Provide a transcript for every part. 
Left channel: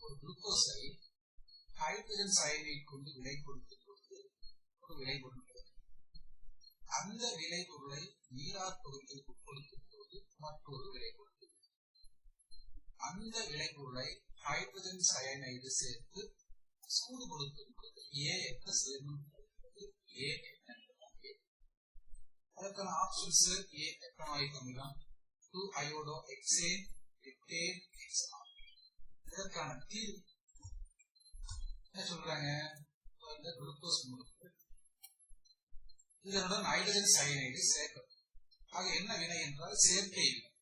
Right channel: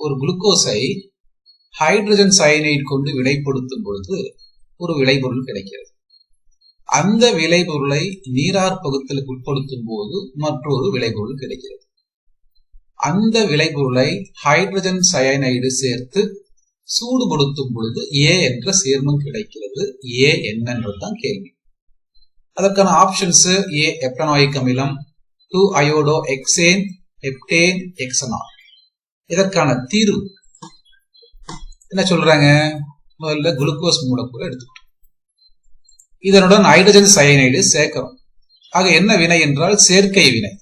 ஒரு குளுக்கோஸை hydrogen cyanide கொண்டு வினைப்படுத்தும் பொழுது ஒரு விளைபொருள் கிடைக்கிறது. அந்த விளைபொருளை நீரார் பகுத்தலுக்கு உட்படுத்தும் போது மற்றொரு விளைபொருள் கிடைக்கிறது. அந்த விளைபொருளை ஹைட்ரஜன் சயனைடு சேர்த்து சூடுபடுத்தும் பொழுது ஏ என்ற சேர்மம் கிடைக்கிறது. ஏ என்னன்றதுதான் கேள்வி. அதற்கான ஆப்ஷன்ஸ்: ஏ எப்டனாயிக் அமிலம், 2 அயோடோ எக்ஸேன், ஹெப்டேன், எக்ஸனால். இதற்கான தீர்வு என்ன சொல்றாங்க? முதல்ல குளுக்கோஸ் மூலக்கூறு எடுத்துக்கிட்டோம், இதனுடன் ஹைட்ரஜன் சயனைடு சேர்க்கிறோம். ஆக என்ன வினை என்றால் சேர்க்கை வினை.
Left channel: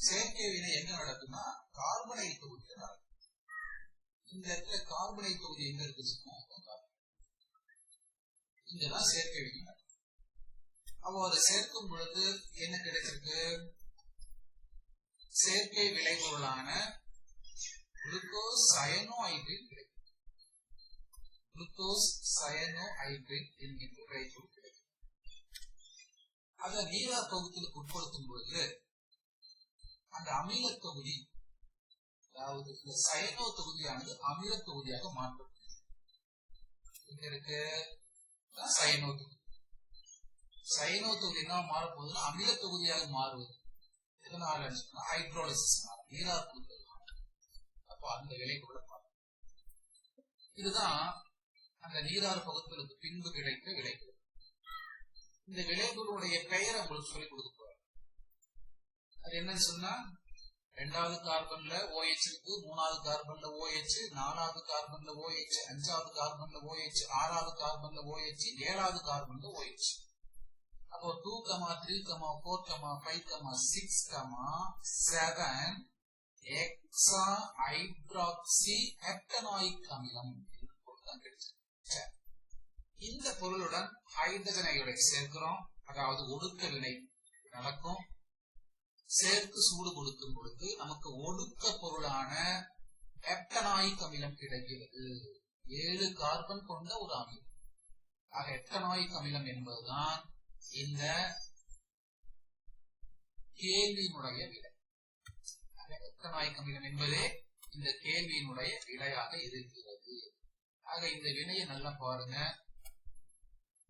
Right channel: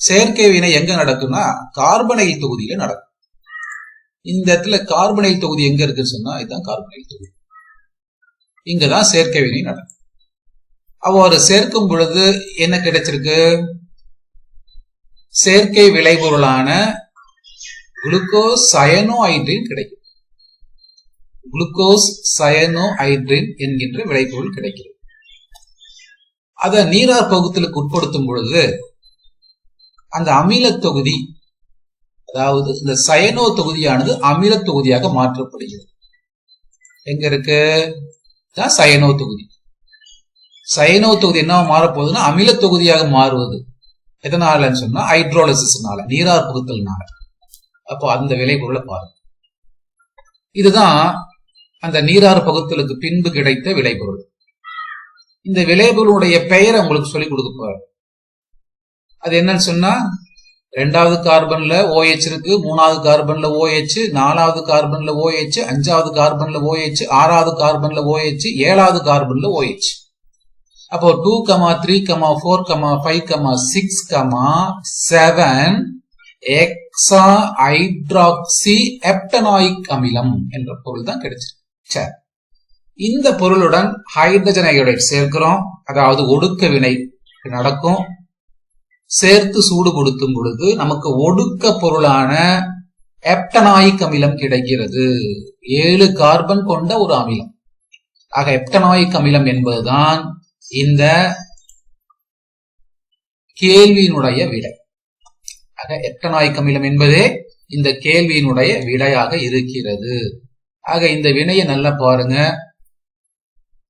செயற்கை வினை எங்க நடக்கும்னா கார்பனைல் தொகுதியில நடக்கும். இந்த இடத்துல கார்பனைல் தொகுதி எங்க இருக்குன்னு சொன்னா இதுதான் கார்பனைல் தொகுதி. இங்கதான் செயற்கை வினை நடக்கும். அவ்வாறு சேர்க்கும் பொழுது என்ன கிடைச்சிருக்கு? செயற்கை விளைபொருளான குளுக்கோஸ் சயனோஹைட்ரின் கிடைக்கும். குளுக்கோஸ் சயனோஹைட்ரின் என்கின்ற விளைபொருள் கிடைக்கிறது. அதை நீரார் பகுத்தலுக்கு உட்படுத்தும் பொழுது அந்த அமில தொகுதி, அதாவது இந்த சயனோ தொகுதியானது அமில தொகுதியாக மாற்றப்படுகிறது. எங்க இருக்கு? சயனோ தொகுதி. சயனோ தொகுதி என்ன மாறப்போகுதுன்னா அமில தொகுதியாக மாறுவது. எதனாலன்னு சொன்னா ஹைட்ரோலிசிஸ்னால, நீரார் பகுத்தல்னால. அப்போ அந்த விளைபொருளை பாருங்க. இதுதான் அந்த நீரார் பகுத்தலுக்கு பின்பு கிடைத்த விளைபொருள். இந்த விளைபொருளுடைய பெயரை உங்களுக்கு சொல்லிக் கொடுக்க போறாரு. அது என்னன்னு சொன்னா 2வது கார்பன்ல OH இருக்கு, 3வது கார்பன்ல OH, 4வது கார்பன்ல OH, 5வது கார்பன்ல OH, 6வது கார்பன்ல OH, 7வது கார்பன்ல OH. அப்போ 2, 3, 4, 5, 6, 7 எக்ஸா ஹைட்ராக்சி எப்டனாயிக் அமிலம் என்ற பொருள் தான் கிடைச்சிருக்கு. சரி, இந்த பொருளுடன் ஹைட்ரஜன் அயோடைடு சேர்க்கிறோம், அதாவது ஒடுக்க வினை நடக்கும். சேர்த்து சூடுபடுத்தும் பொழுது நமக்கு ஒடுக்க பொருளான எப்டனாயிக் அமிலம் கிடைக்கிறது. 7 கார்பன் கொண்ட ஒரு அமிலம். ஆக எப்டனாயிக் அமிலம் என்பதுதான் இந்த கேள்வியினுடைய விடை. ஆக எப்டனாயிக் அமிலம் என்பதே இந்த கேள்வியினுடைய விடையாக இருக்கிறது. ஆக இந்த வினையை நல்லா பாருங்க.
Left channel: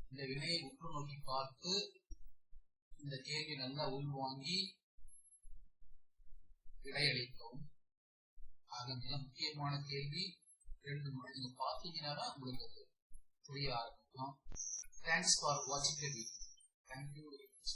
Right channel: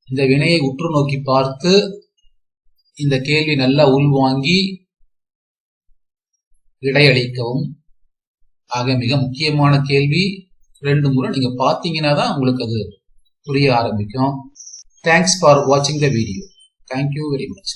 இந்த வினையை உற்று நோக்கி பார்த்து இந்த கேள்வி நல்லா உள்வாங்கி விடையளிக்கவும். ஆக மிக முக்கியமான கேள்வி. 2 முறை நீங்க பாத்தீங்கன்னா தான் உங்களுக்கு அது புரிய ஆரம்பிக்கும். தேங்க்ஸ் ஃபார் வாட்சிங் the video. Thank you very much.